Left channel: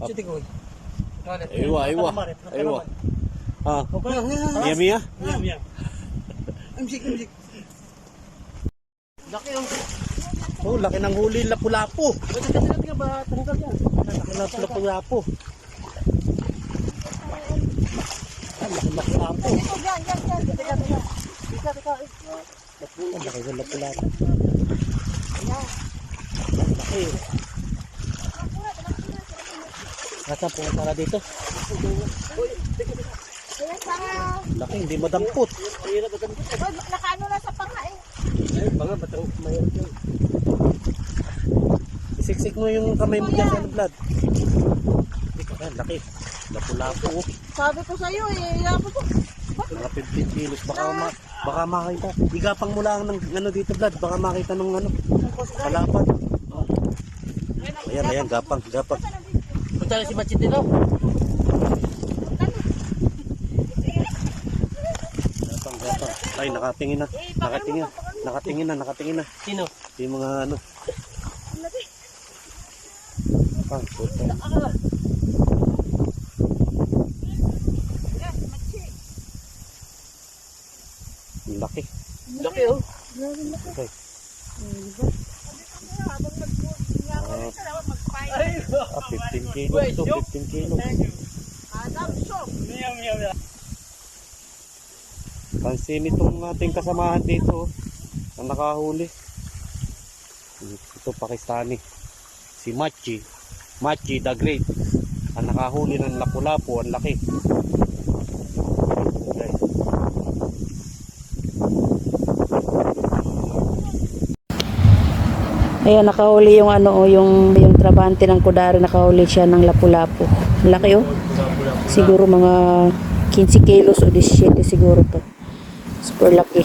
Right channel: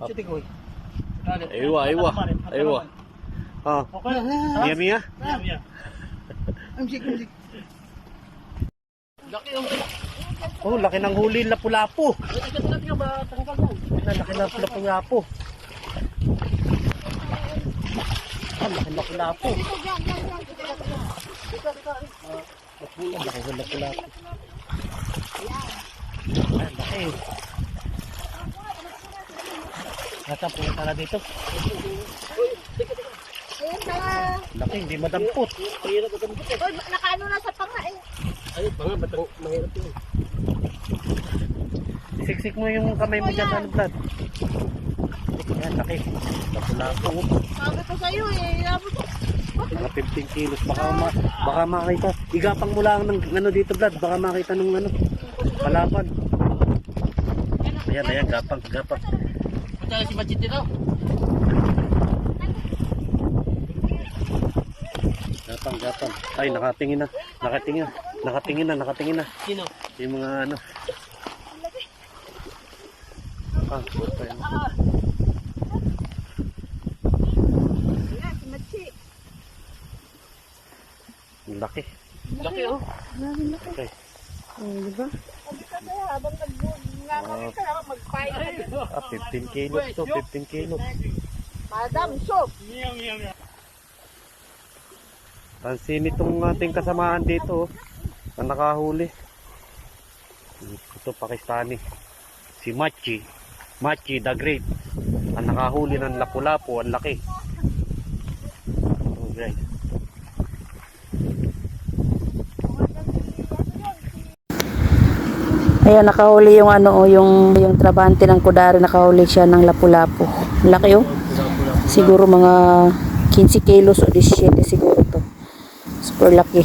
Aywa, aywa. Aywa. Ah. Mia, Mia. Laki oh. Oh, laki ng huli, lapu-lapu. Laki ng lapu-lapu. Laki ng lapu-lapu. Laki ng lapu-lapu. Laki. Nasa pumunta na dito. Laki, hindi madampot. Nakaano na sa panga eh. Ay, banga, batang mahirap yun. Isiksik mo yung kamay mo dyan sa Vlad. Ayan, laki. Lapu-lapu. Sabi ko sa'yo eh. Mga 15 kilos. Baka makita. Igapang mo lang ng ano dito, Vlad. Baka makita nung ano. Kalapad. Ayan, ayan. Gapang, gapang. Punta na si Machete no? Gapang, gapang. Ay, nakatingin na. Nakatingin na. Nakatingin na, nakatingin na. Sino? Yung mga ano. Ah, puta yun. Laki. Laki oh. Okay. Diba? Habang mag-fight. 15 kilos to, 15 kilos. Madam, shop. Pansin itong ating kasamahan dito, na nakahuli. Ito, Pakistani. Si Machi. Machi the Great. Ang nakahuli ng lapu-lapu, ang laki. Okay. Ayan, nakahuli yung ano, yung trabante ng Kudari, nakahuli siya ng lapu-lapu. Laki oh. Siguro mga 15 kilos o 17 siguro to. Super laki.